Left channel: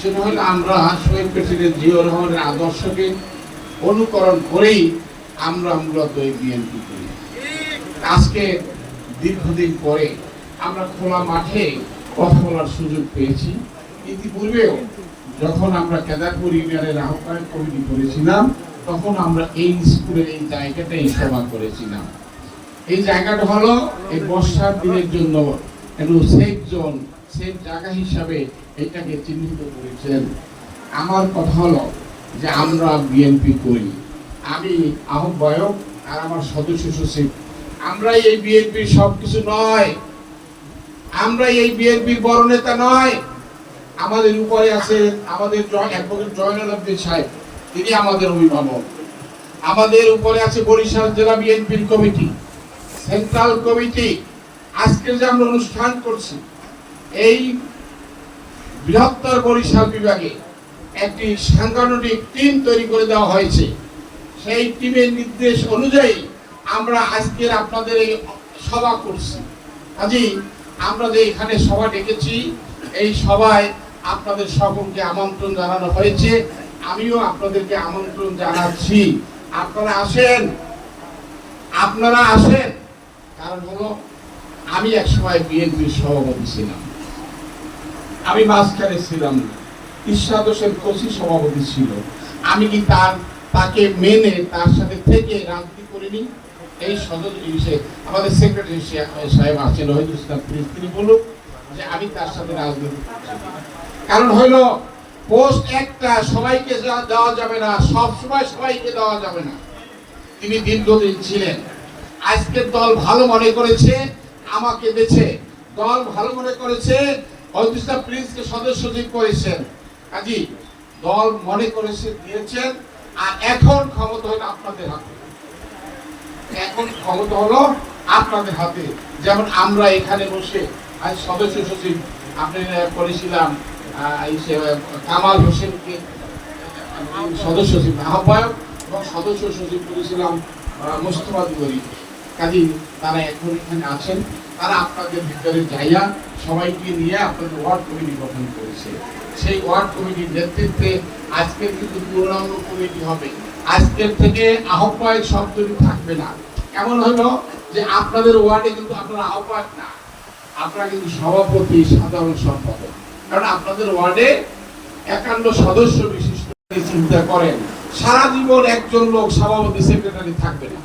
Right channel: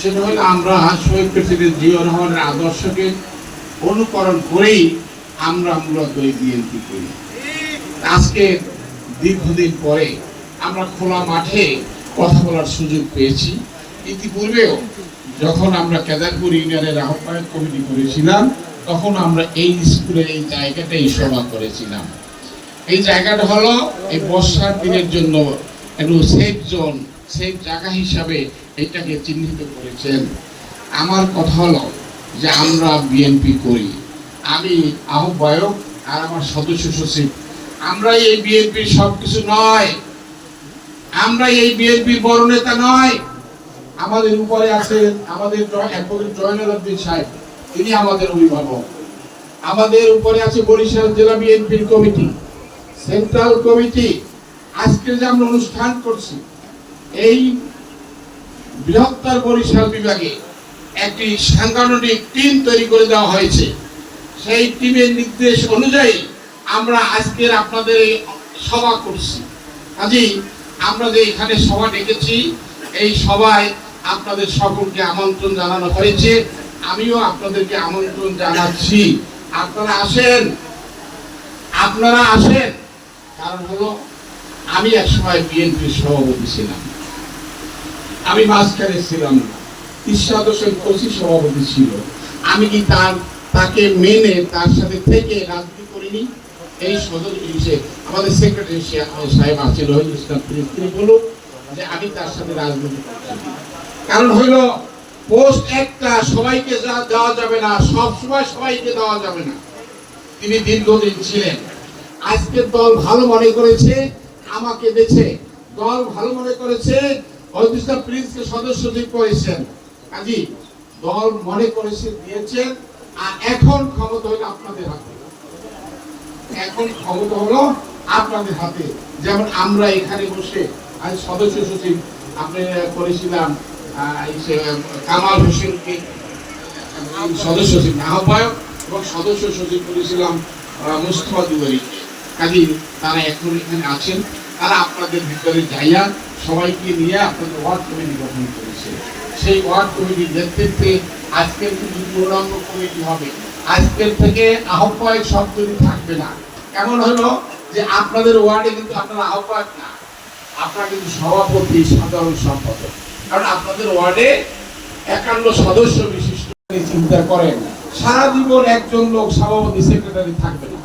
সেটা আমরা শহীদ প্রেসিডেন্ট জিয়া রহমানের আদর্শকে অনুকরণ করেই আমরা মূলত এই বিএনপি করি। আজকে দীর্ঘদিন পরে আমরা খোলা মাঠে কথা বলার সুযোগ পেয়েছি। ইতিপূর্বেও যখন আমরা কেদারপুর ইউনিয়নের আহ্বায়ক কমিটি করেছিলাম, তখন আমরা এই স্কুলের এই জায়গাটাই সভা করেছিলাম। এই জায়গাটা হলো এই বর্ষার দিনের জন্য একটু সেফ জোন, সেফ জায়গা হিসাবে এটাকে চিহ্নিত করেছেন। আমার কথা হলো যে আমরা বিএনপি করি। আমি আহ্বায়ক আর আমার সদস্য সচিব। আমরা এই বিএনপির সব কিছু নয়। আমরা এই বিএনপির বড় নেতা নয়। আমাদের উপরে আছে আমাদের জয়নুল আব্দিন সাহেব। তিনি আমাদের অভিভাবক। আমাদের উপরে আছে বরিশাল জেলা বিএনপির কমিটি, সেন্ট্রাল কমিটি। আজকে যে আমরা অনুষ্ঠান করছি, এই বৃহত্তর বরিশাল বিভাগে একটি সাংগঠনিক টিম তৈরি করে দেওয়া হয়েছে। সেই টিমের নির্দেশ অনুযায়ী আমরা আজকের আপনাদের এই সভা করছি। কাজেই আমরা যে এখানে সভা ডেকেছি। এই সভায় আপনাদের সকলকে আমন্ত্রণ জানানো হয়েছে। আমিও আপনাদেরকে আমন্ত্রণ জানাচ্ছি। আপনারা আসেন। আপনারা আসেন। কারণ হলো, আমি এক সময় বিএনপির সভাপতি ছিলাম। আমি মাঝখানে ছিলাম না। ঈশ্বর হোসেন কোচি সভাপতি ছিল। আমি কি তার, তাকে মেনে তার সাথে থেকে রাজনীতি করিনি? এই সদর হিসেবে আমাদের সেক্রেটারি সাহেব আছেন রহিদ ইসলাম তিনি বলুন যে আমি তার সাথে রাজনীতি কারণ হলো পোস্ট একটা সবাইকে যা- দেওয়া যাবে না সব সময় সবাইকে দেওয়া যাবে না। তিনি দীর্ঘদিন ছিলেন। আজকের দল ভালো মনে করেছে, আমাকে বেছে। দল ভালো মনে করেছে অদিশা প্রিন্সকে সদস্য সচিব করেছেন কাজী দল মনে করেছে, দিয়েছেন, আর এখন ক্ষমতা হলো আপনাদের হাতে। এখন ক্ষমতা হলো আপনাদের হাতে। যেমন আমরা এখানে বসে আজ সদস্য সচিব, আপনি করেছিলাম কামাল হোসেনকে সদস্য সচিব, আহ্বায়ক এবং সদস্য সচিব করেছিলাম মুস্তফা দুবরি কাজী, তারা এখন এখানে আছেন। তারা আপনাদের ভিতরে যাইয়া সবাইকে নিয়ে আপনাদের ওয়ার্ড কমিটি গঠন করেছে। সেই ওয়ার্ড কমিটির নেতৃত্বে আজকের কিন্তু পূর্ণাঙ্গ কমিটি হবে। আজকের থেকে আহ্বায়ক শব্দটি থাকবে না, এমন হলো যে আপনাদের ওয়ার্ডে কিন্তু আপনারা আহ্বায়ক না। আপনারা কিন্তু সভাপতি, সাধারণ সম্পাদক। কারণ আপনাদের ওয়ার্ডে একান্ন সদস্য বিশিষ্ট চিন্তা করেন, সারা জীবন একজন লোক সভাপতি, সেক্রেটারি থাকবে না।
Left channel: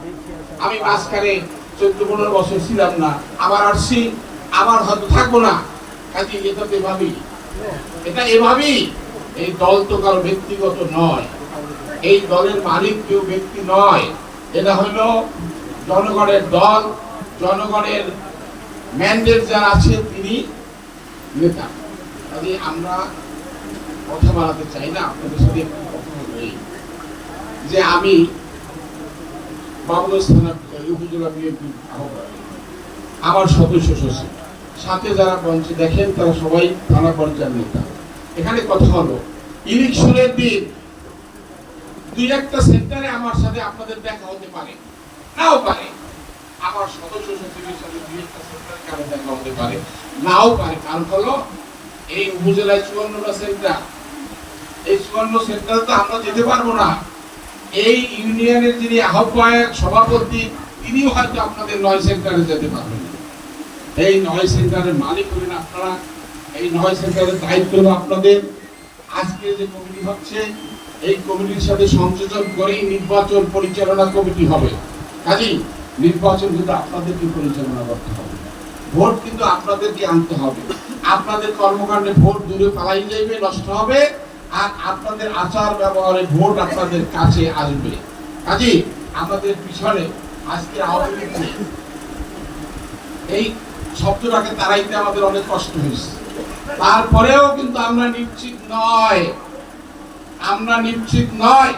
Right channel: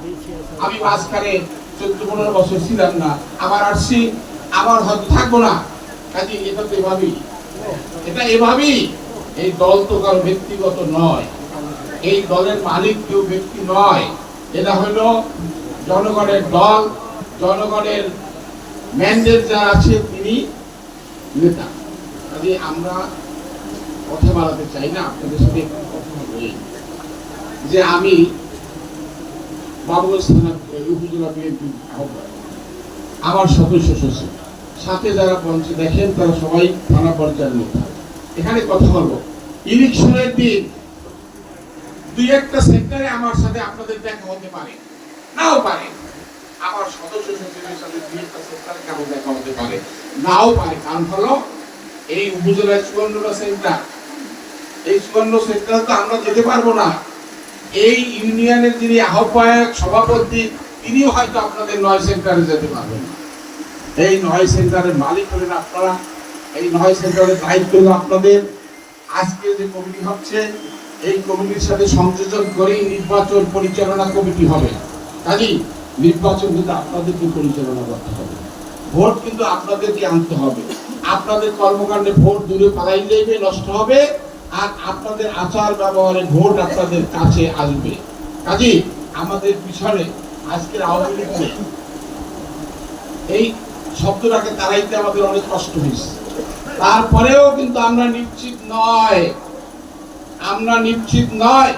আমি মাঝখানে চোদ্দ পনেরো বছর ছিলাম না, আবার আসছি আবার হয়তো থাকব না। কাজে, এটা তো এভাবেই। এটা এভাবেই। এই দল তো কারও ব্যক্তিগত নয়। এই দলের মালিক কেউ ব্যক্তি নয়। এটা হলো জনগণের দল, জনগণের ম্যান্ডেট যারা আছে তিনি নেতা। কাজে, আমরা কথা বাড়াতে চাই না, আপনাদের সাথে কথা বলি। যে আমি বাবুগঞ্জ থানা উপজেলা বিএনপি আমার সদস্য সচিব। সাথে যারা মঞ্চে দেখেন তারা সবাই থানা পর্যায়ের নেতা। এখানে কথা হলো, ইলেকশনের দিন দুই একটা সেক্টরে আমার সাথে আপনাদের দেখা হতে পারে, নাও পারে। আমার সদস্য সচিবের সাথে দুই একটা সেক্টরে দেখা হতে পারে, নাও পারে। কারণ হলো, এই উপজেলায় চুয়ান্নটা সেন্টার এই চুয়ান্ন সেন্টারে তো আমরা যেতে পারব না। এই ইউনিয়নের যিনি আহ্বায়ক, সভাপতি, তিনিও হয়তো আপনাদের নয় সেন্টারে যেতে পারবেন না। এই নয় সেন্টারের মালিক হলেন আপনারা, এই নয় সেন্টারের দায়িত্ব হলো আপনাদের। আজকে যে কমিটি হচ্ছে, এই কমিটির সাথে সংযোজন করেই নির্বাচন পরিচালনা কমিটি হবে। কাজেই নির্বাচন কিন্তু আপনাদেরকে পরিচালনা করতে হবে। ভোট কিন্তু আপনাদেরকে আনতে হবে। আপনাদের কর্মকাণ্ডে ভোট দূরে পালাই যাইবে, নষ্ট হবে, আর আপনাদের আচার ব্যবহারে ভোট আপনাদের কাছে আসবে। কাজেই আমাদের পিছনে আজকের আওয়ামী লীগ এই শব্দটাকে তারাইতে আমাদের অনেক কষ্ট হয়েছে। তারপরেও কিন্তু আমরা নিশ্চিত নয়। আমরা নিশ্চিত নয়।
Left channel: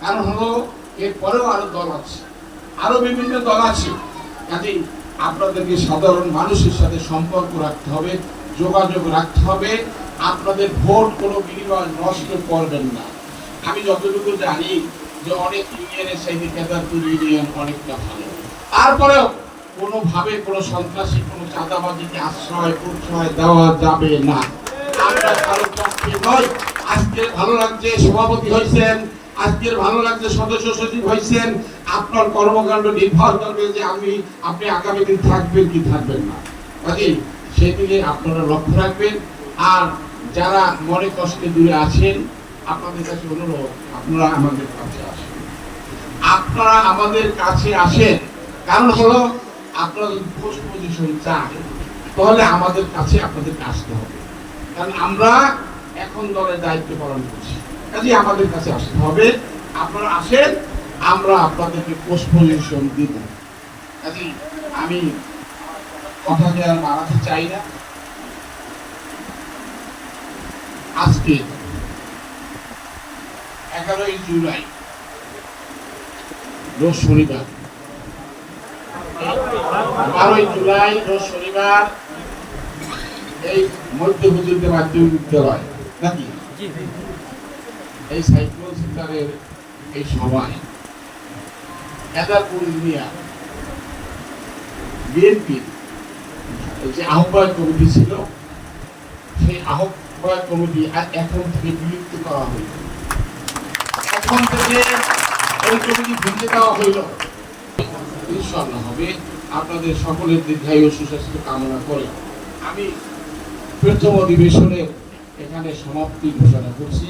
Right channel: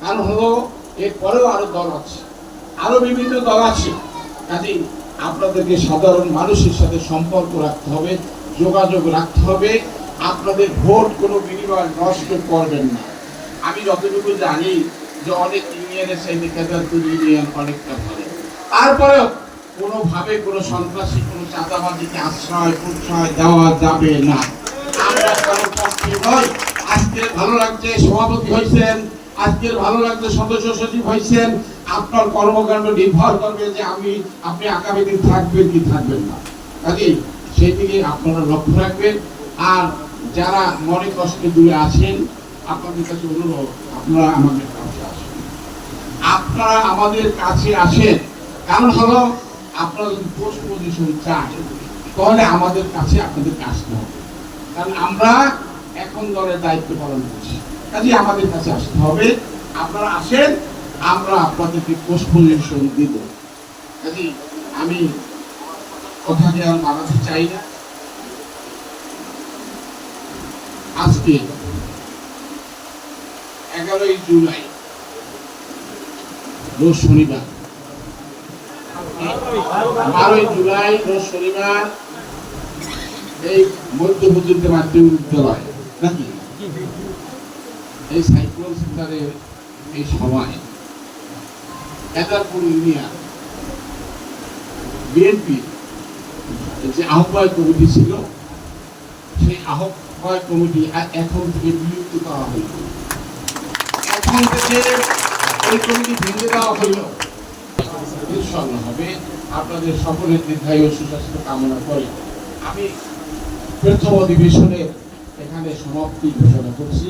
কারণ হলো, এরপরেও আরও দল আছে। আরও বিভিন্ন দল আছে। কাজেই আপনাদেরকে সাধারণ মানুষের সাথে সম্পর্ক রাখতে হবে, যোগাযোগ রাখতে হবে। আপনাদের ভোট কোনো বিনিময় নষ্ট করবেন না। আমি যতটুকু জানি যে অনেক ইউনিয়নের সাইডে কেদারপুর ইউনিয়ন অনেকটা ভালো। তারপরেও কোনোভাবে কোনো সন্ত্রাসী, কোনো চাঁদাবাদিকে আশ্রয় প্রশ্রয় দেওয়া যাবে না। আমরা আজকে ভালো লাগছে, সভাপতি হয়েছেন। আজকের ভালো লাগছে, সদস্য সচিব হয়েছেন। আপনার কর্মকাণ্ড নির্ভর করবে যে আমি, আপনি আগামী দিন থাকবেন কি থাকবেন না। কাজে সেই দিকে আপনারা লক্ষ্য রাখবেন। আর যারা মনে কষ্টে দূরে আছেন, আপনাদের কাছে অনুরোধ, আপনারা আমাদের কাছে আসেন। আপনারা আমাদের কাছে আসেন। কারণ হলো আপনারা পোস্ট পজিশন চান, তাহলে আমাদের কাছে আপনাদের আসতে হবে। কারণ আমরা এখন দলের দায়িত্ব পালন করছি। কাজে আমাদের কাছে আসতে হবে। আপনারা আসেন, আমরা আপনাদেরকে পোস্ট পজিশন দিব। কাজে আমি কথাকে আর বাড়াতে চাই না। আজকে এগারোই জুলাই শনিবার। বারোই জুলাই, রোজ শনিবার, এই মধ্য পর্যন্ত মাধ্যমিক বিদ্যালয় নাকি? এই সাইকেল সেন্টারের এই সময় এদারপুর ইউনিয়ন বিএনপি, যে আহ্বায়ক কমিটি ছিল, সেই আহ্বায়ক কমিটি এখন থেকে বিলুপ্ত করা হইল এখন থেকে ওই কমিটি ভেঙে দেওয়া হইল ইনশাল্লাহ হবে। আপনাদের সকলের দীর্ঘায়ু সুস্বাস্থ্য কামনা করে আমি প্রথম অধিবেশনে এখানে সমাপ্তি ঘোষণা করছি।